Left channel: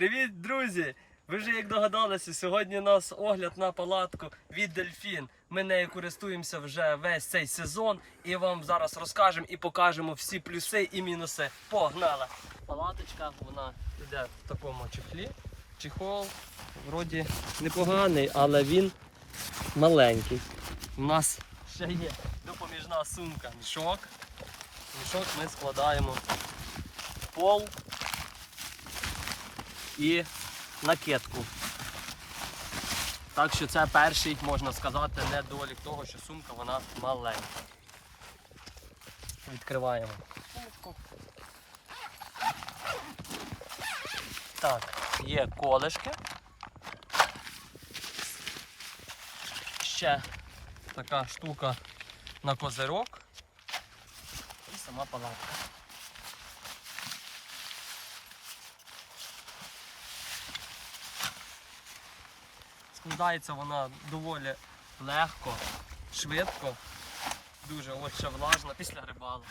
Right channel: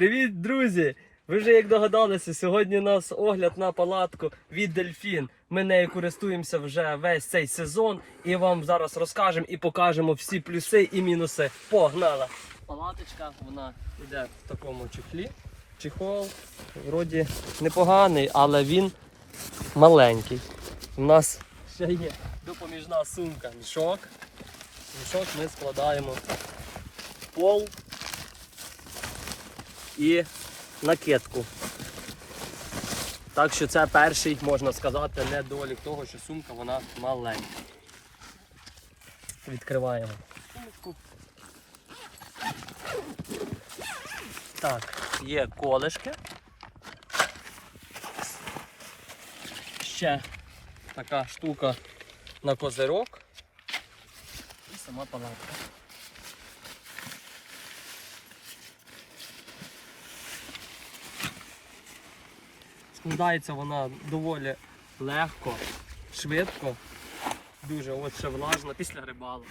Привіт, друзі! Ви вже як догадалися, сьогодні у нас огляд на палатку від Дельфін. Ми нею користуємося вже весь цей сезон і вам зараз розкажемо і покажемо всі плюси і мінуси. Погнали! Палаточка вона йде в такому чехлі. Чехол вроді непоганий, але він маленький. У нас ще є допоміжна сумка, мішок. Мішок ми складаємо пол і накидку. Так що це перший, можна сказати, недолік того, що сумка вона маленька. Відкриваємо. Так, є колешки. Ще така штука на козирок. І сама палатка. Складається вона доволі легко, швидко, дуже от ще влажно після рибалу.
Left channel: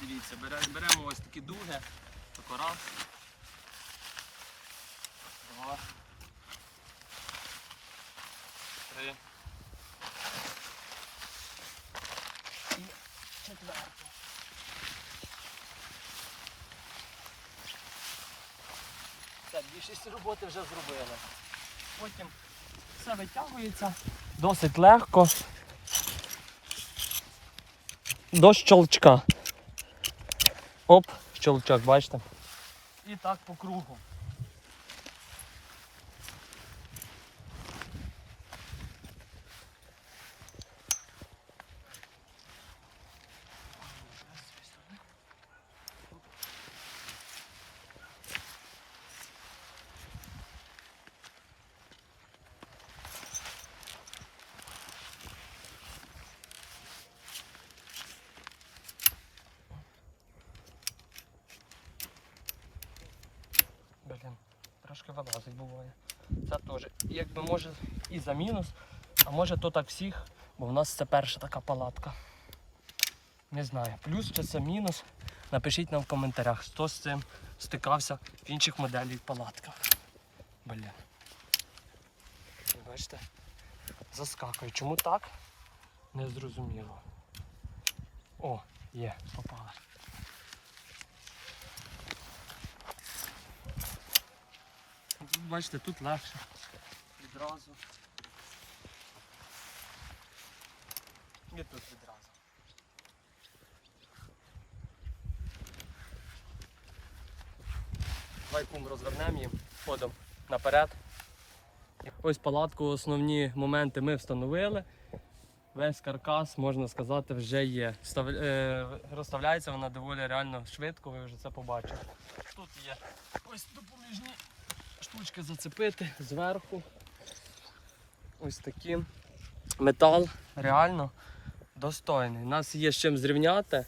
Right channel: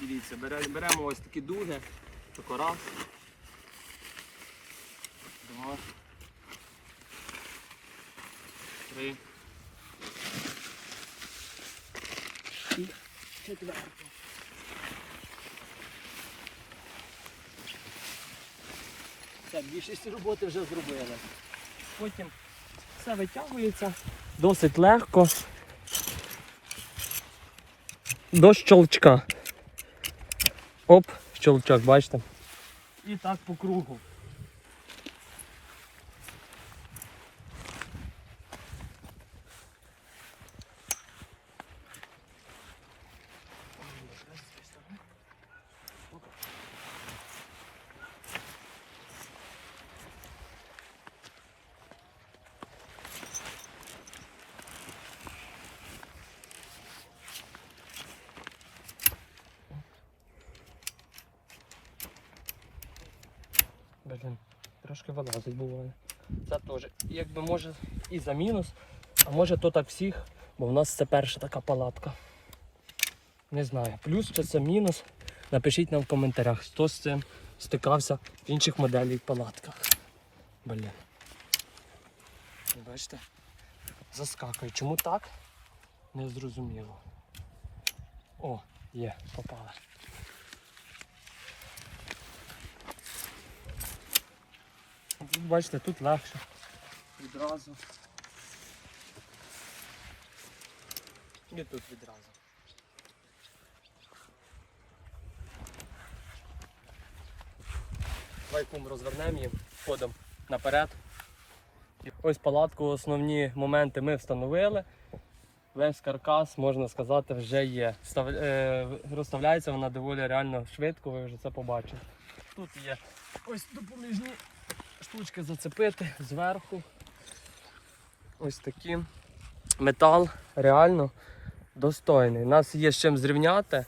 Дивіться, бере- беремо ось такі дуги, тако раз, два, три. І четверта. Все, більшість роботи вже зробили. Потім все витягується досить легко. До щелчка. Оп, щелчок, бачите? І так по кругу. Блін, трошки вилазить буває. Це теж, якби може і за мінус, а може то так всіх, бо в нас це перша така палатка. Не знаю, плюс чи це мінус. Напишіть нам в коментарях, хто з цим стикався в інших моделях палатках. Блін. Бачите? Заскакує. Чому так? Не зрозуміло. О, є, попала. Бачите, тут легше. Відразу. І тут відразу. Давай кум розвернемо їм, ходом наперед. Ось палатку, основні моменти ми встановили. Весь каркас, можна сказати, вже є. Став... Е... Розставляється вона доволі реально швидко, ви вже це побачили. Тут є ось допоміжні штучки зацепити зверху. Ось такі. Метал реально достойний. Нас є з чим зрівняти,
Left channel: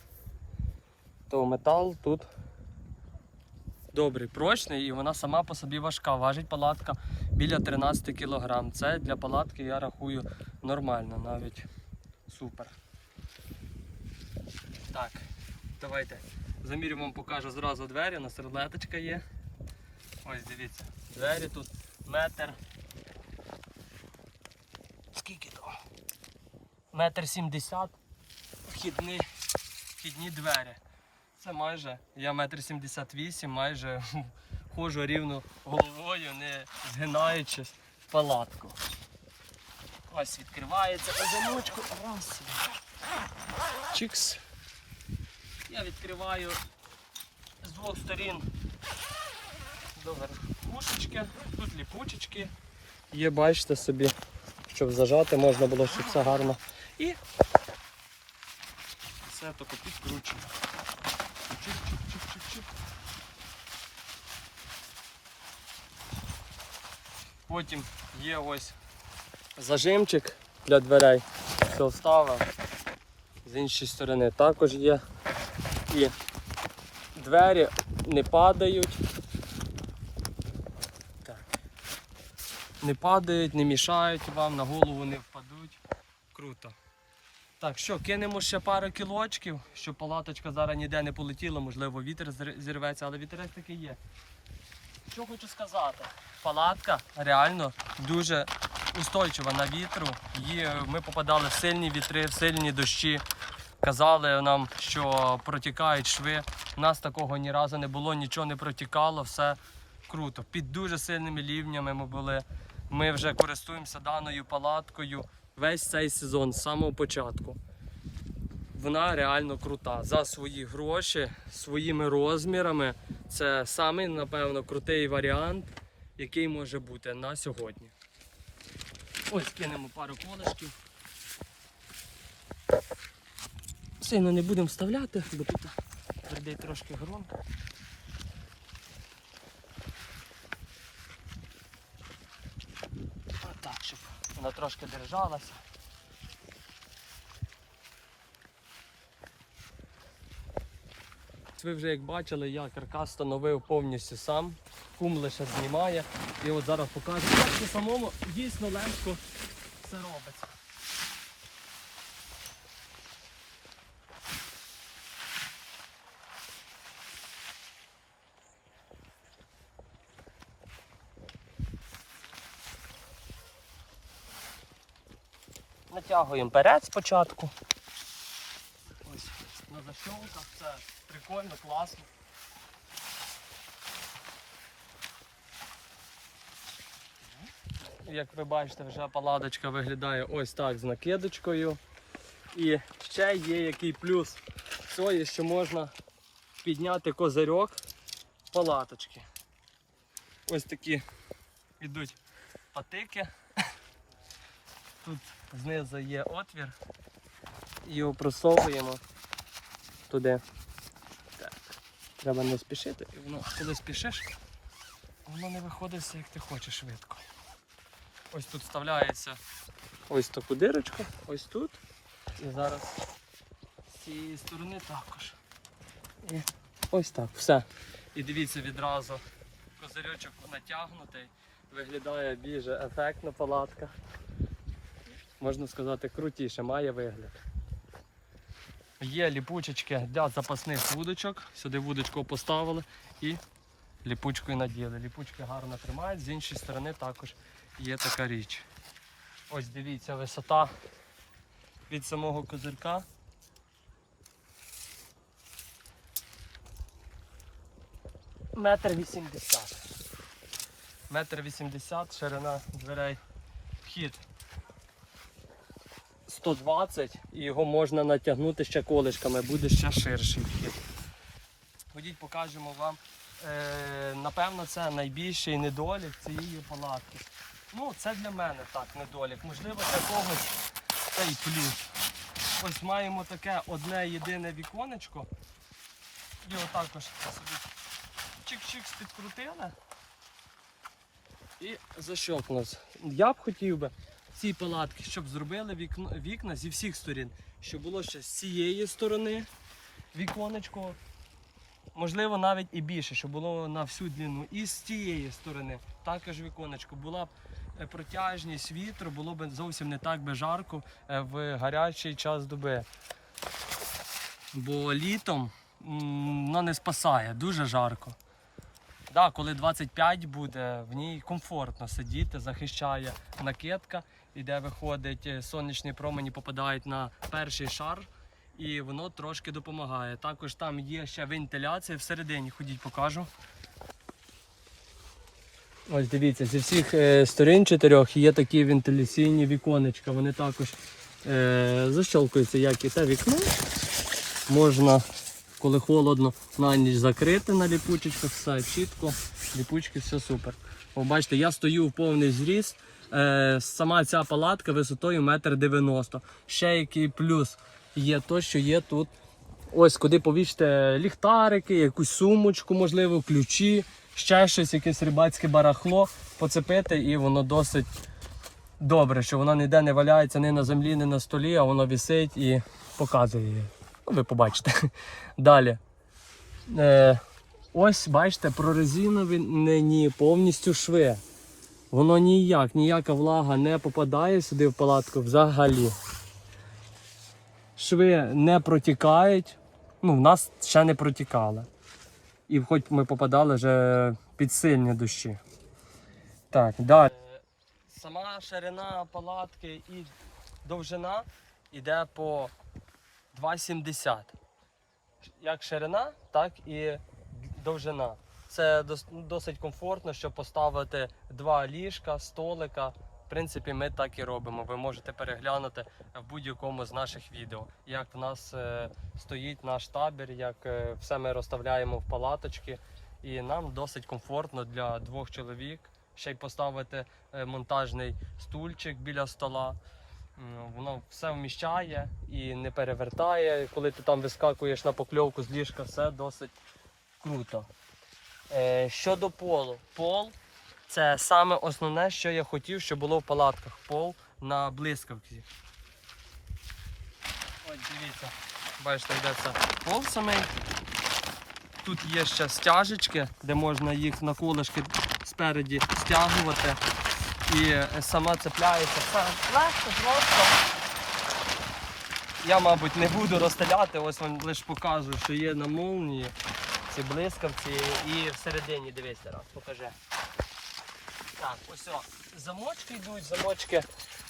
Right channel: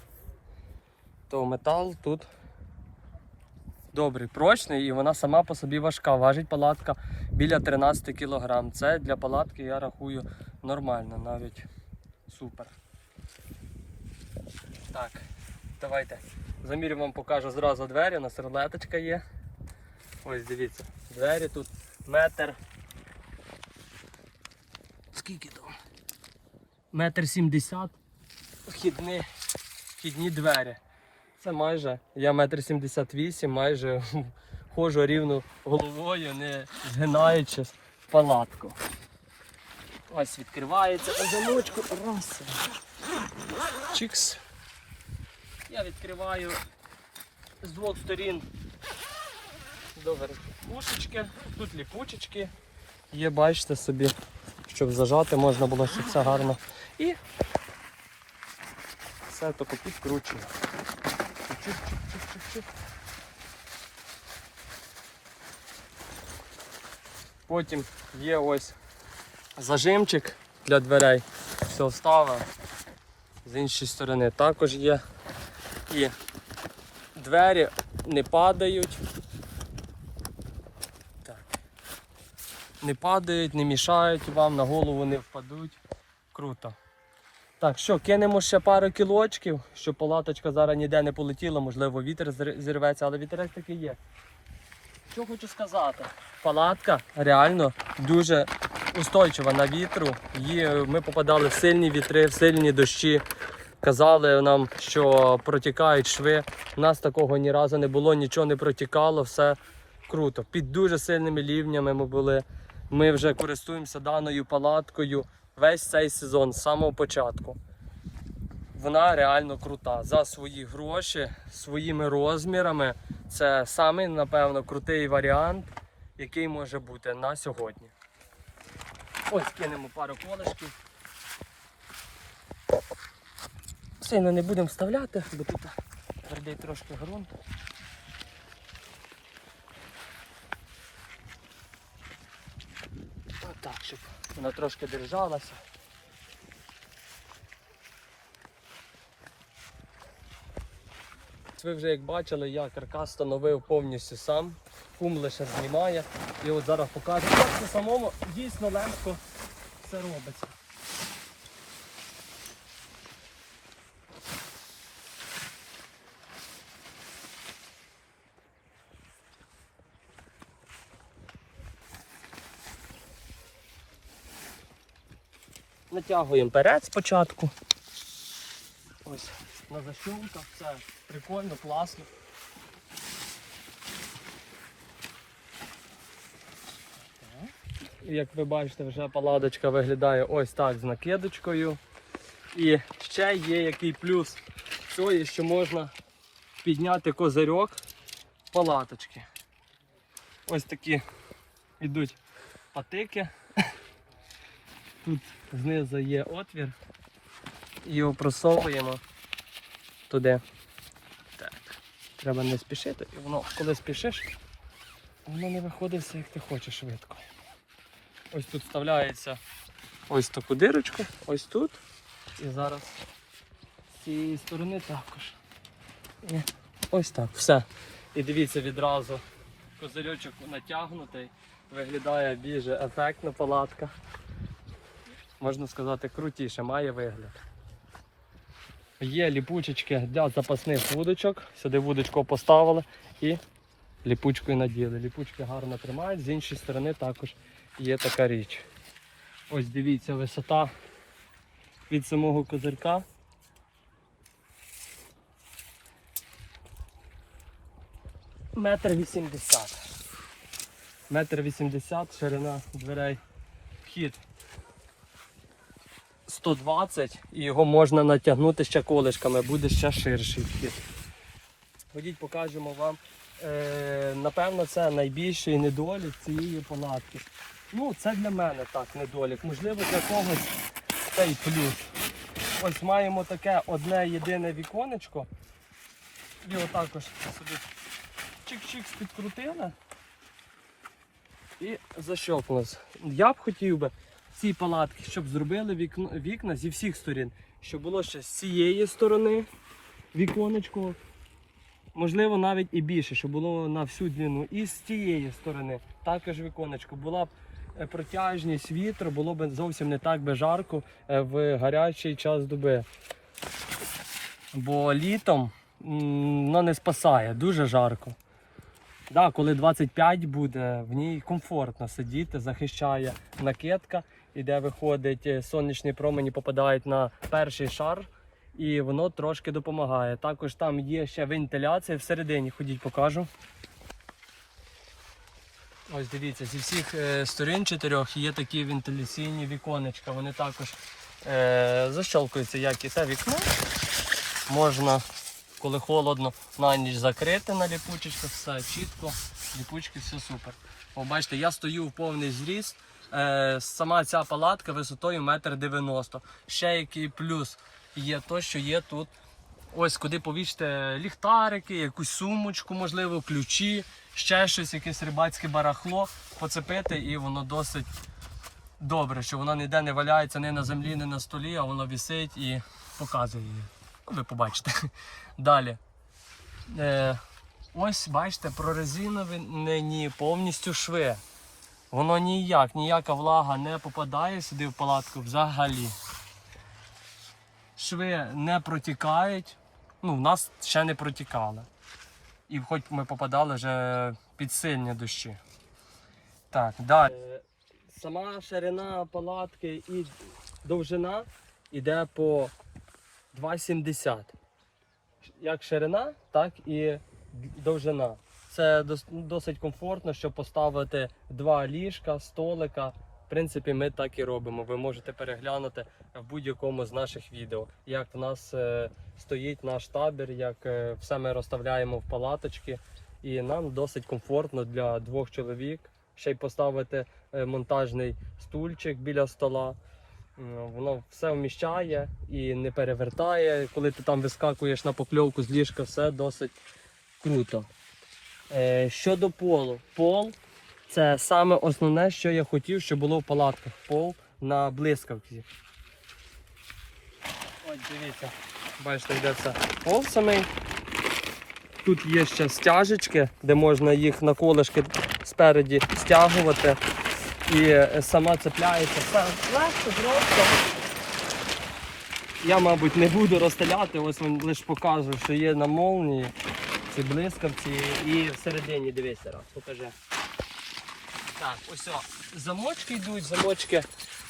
то метал тут добрий, прочний і вона сама по собі важка. Важить палатка біля 13 кг. Це для палатки я рахую нормально, навіть супер. Так, давайте. Замірю вам покажу зразу двері, у нас рулеточка є. Ось дивіться, двері тут метр. Скільки то? Метр сімдесят. Вхідні, вхідні двері. Це майже, я метр сімдесят вісім, майже ходжу рівно головою, не згинаючи в палатку. Ось відкривається по замочку. Раз. Чікс. Я відкриваю з двох сторін до верхушечки. Тут ліпучечки. Є, бачите собі, щоб зажати можна було, щоб все гарно. І все тако. Чик-чик-чик-чик-чик. Потім є ось зажимчик для дверей. Все вставив. З іншої сторони також є. І двері не падають. Не падають, не мішають вам, на голову не впадуть. Круто. Так, що, кинемо ще пару кілочків, щоб палаточка зараз ніде не полетіла, можливо, вітер зірветься, але вітерець таки є. Що хочу сказати, палатка реально дуже устойчива на вітру. Її, ми попадали в сильні вітри, в сильні дощі. Казали нам, що протікають шви. У нас такого ні разу не було, нічого не протікало, все круто. Під дуже сильними лівнями ми були. Ми вже користуємося даною палаткою весь цей сезон з самого початку. Вона реально крута. За свої гроші, своїми розмірами. Це самий, напевно, крутий варіант, який може бути на сьогодні. Ось кинемо пару колишків. Сильно не будемо вставляти, бо тут твердий трошки ґрунт. Так, щоб вона трошки держалася. Ви вже як бачили, я каркас встановив повністю сам. Кум лише знімає. І от зараз покажу, як це самому дійсно легко все робиться. Натягуємо перед спочатку. Ось на защолках, це прикольно, класно. Як ви бачите, вже паладочка виглядає ось так з накидочкою. І ще є який плюс цієї, що можна підняти козирьок палаточки. Ось такі йдуть патики. Тут знизу є отвір. І його просовуємо туди. Треба не спішити. І воно, коли спішиш, воно не виходить все, як ти хочеш швидко. Ось тут вставляється ось таку дирочку, ось тут. І зараз з цієї сторони також. І ось так. Все. І дивіться відразу. Козирьочок натягнутий, виглядає більш ефектно палатка. Можна сказати, крутіше, має вигляд. Є ліпучечки для запасних вудочок. Сюди вудочку поставили і ліпучкою наділи. Ліпучки гарно тримають, з іншої сторони також є така річ. Ось дивіться, висота від самого козирка. Метр вісімдесят. Метр вісімдесят, ширина дверей. Вхід 120 і його можна натягнути ще колишками, буде ще ширший вхід. Ходіть, покажемо вам. Е, напевно, це найбільший недолік цієї палатки. Ну, це для мене так недолік. Можливо, для когось це й плюс. Ось маємо таке одне єдине віконечко. Його також собі чик-чик підкрутили і защелкнулось. Я б хотів би ці палатки, щоб зробили вікно, вікна зі всіх сторін. Щоб було ще з цієї сторони віконечко, можливо, навіть і більше, щоб було на всю длину. І з цієї сторони також віконечко. Була б е, протяжність вітру, було б зовсім не так би жарко е, в гарячий час доби. Бо літом воно не спасає, дуже жарко. Да, коли 25 буде, в ній комфортно сидіти, захищає накидка, і де виходить е, сонячні промені, попадають на перший шар, і воно трошки допомагає. Також там є ще вентиляція всередині, ходіть покажу. Ось дивіться, зі всіх е, сторін чотирьох є такі вентиляційні віконечка. Вони також е, защелкуються, як і те вікно. Можна коли холодно, на ніч закрити на ліпучечку, все чітко, ліпучки, все супер. О, бачите, я стою в повний зріст. Е, сама ця палатка висотою 1,90 м. Ще який плюс є то, що є тут. Ось куди повісити ліхтарики, якусь сумочку, можливо, ключі, ще щось, якесь рибацьке барахло поцепити, і воно досить добре, що воно ніде не валяється ні на землі, ні на столі, а воно висить і показує її. Ну, ви побачите. Далі. Е, ось, бачите, прорезиновані повністю шви. Воно ніяк, ніяка влага не попадає сюди в палатку взагалі. шви не протікають. Ну, в нас ще не протікали. І хоч ми попадали вже під сильні дощі. Так, далі. Сама ширина палатки і довжина йде по 2,70. Як ширина, так і довжина. Це досить комфортно, щоб поставити два ліжка, столика. В принципі, ми так і робимо. Ви можете переглянути в будь-якому з наших відео, як в нас е, стоїть наш табір, як е, все ми розставляємо в палаточки. І нам досить комфортно для двох чоловік. Ще й поставити е, монтажний стульчик біля стола. Воно все вміщає і не перевертає. Коли ти там вискакуєш на покльовку з ліжка, все досить круто. Е, щодо полу, пол це саме основне, що я хотів, щоб було в палатках. Пол на блискавці. Ось дивіться, бачите, йде це пол самий. Тут є ще стяжечки, де можна їх на колишки спереді стягувати. І е, сама цепляється. Легко, просто. Я, мабуть, не буду розстріляти, ось вам лише покажу, що є на молнії ці блискавці і всередині дивися раз, покажи. Так, ось замочки йдуть, замочки.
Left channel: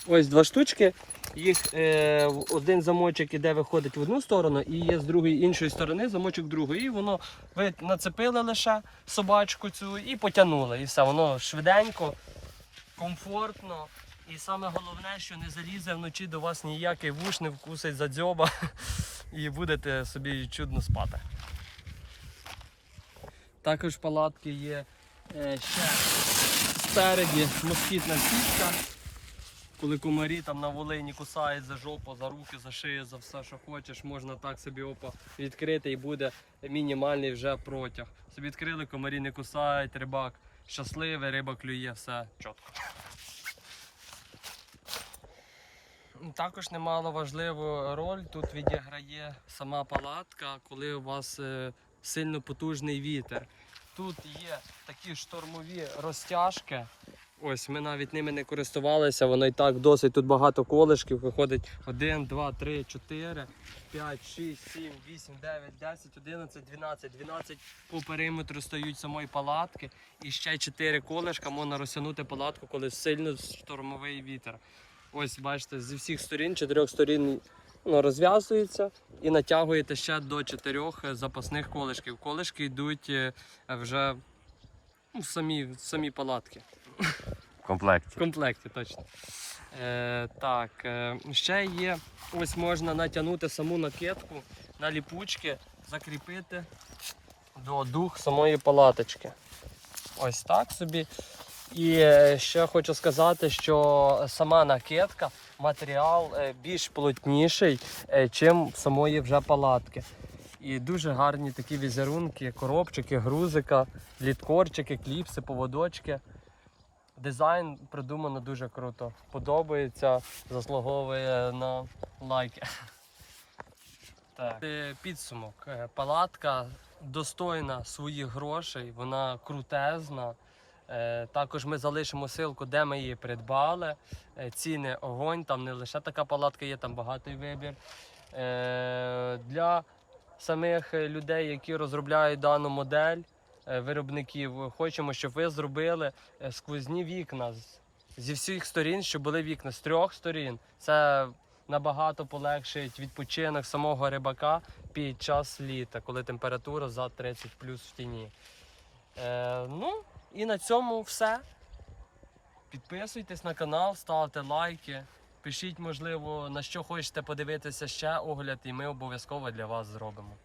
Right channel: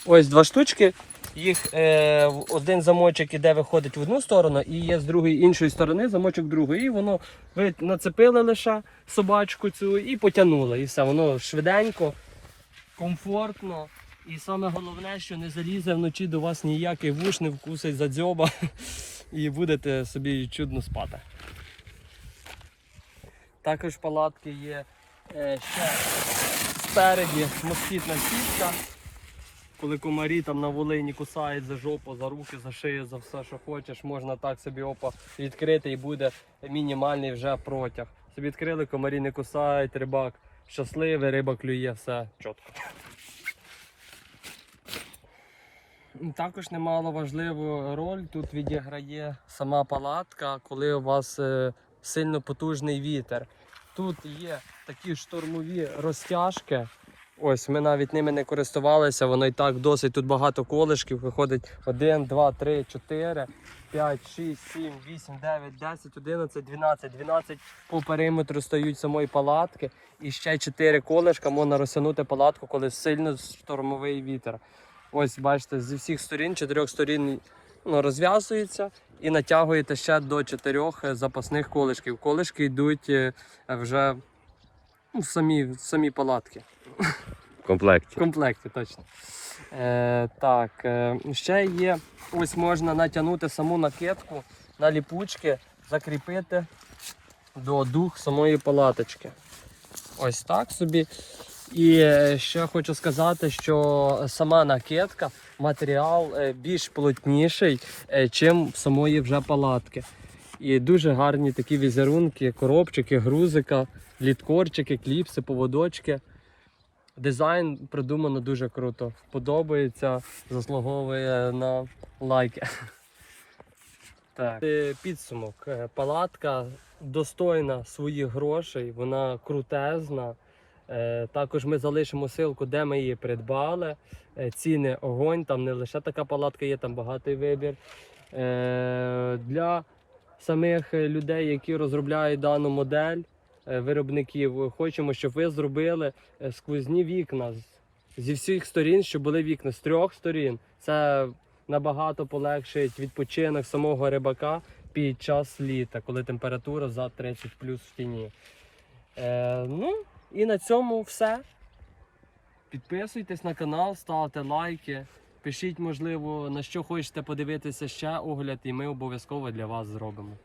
Ось два штучки. Їх е, один замочок іде, виходить в одну сторону, і є з другої іншої сторони замочок другої. І воно ви нацепили лише собачку цю і потягнули. І все, воно швиденько, комфортно. І саме головне, що не залізе вночі до вас ніякий вуш, не вкусить за дзьоба і будете собі чудно спати. Також палатки є е, ще спереді москітна сітка. Коли комарі там на Волині кусають за жопу, за руки, за шию, за все, що хочеш, можна так собі опа відкрити і буде мінімальний вже протяг. Собі відкрили, комарі не кусають, рибак щасливий, риба клює, все чітко. Також немало важливу роль тут відіграє сама палатка, коли у вас е, сильно потужний вітер. Тут є такі штормові розтяжки. Ось ми навіть ними не користувалися, воно і так досить. Тут багато колишків. Виходить 1, 2, 3, 4, 5, 6, 7, 8, 9, 10, 11, 12. 12 по периметру стають самої палатки. І ще 4 колишка можна розтягнути палатку, коли сильно штормовий вітер. Ось бачите, зі всіх сторін, чотирьох сторін ну, розв'язується і натягуєте ще до чотирьох е, запасних колишків. Колишки йдуть е, вже ну, в самі, в самі палатки. В комплекті. В комплекті, точно. Е, так, е, ще є, ось можна натягнути саму накидку на ліпучки, закріпити до дух самої палаточки. Ось так собі. І е, ще хочу сказати, що сама накидка, матеріал е, більш плотніший, е, чим самої вже палатки. І дуже гарні такі візерунки, коробчики, грузика, літкорчики, кліпси, поводочки. Дизайн придумано дуже круто. Подобається, заслуговує на лайки. Так. Підсумок. Палатка достойна своїх грошей, вона крутезна. Е, Також ми залишимо ссылку, де ми її придбали. Е, Ціни огонь, там не лише така палатка є, там багатий вибір. Е, Для самих людей, які розробляють дану модель, виробників, хочемо, щоб ви зробили сквозні вікна зі всіх сторін, щоб були вікна з трьох сторін. Це набагато полегшить відпочинок самого рибака під час літа, коли температура за 30 плюс в тіні. Е, ну і на цьому все. Підписуйтесь на канал, ставте лайки. Пишіть, можливо, на що хочете подивитися ще огляд, і ми обов'язково для вас зробимо.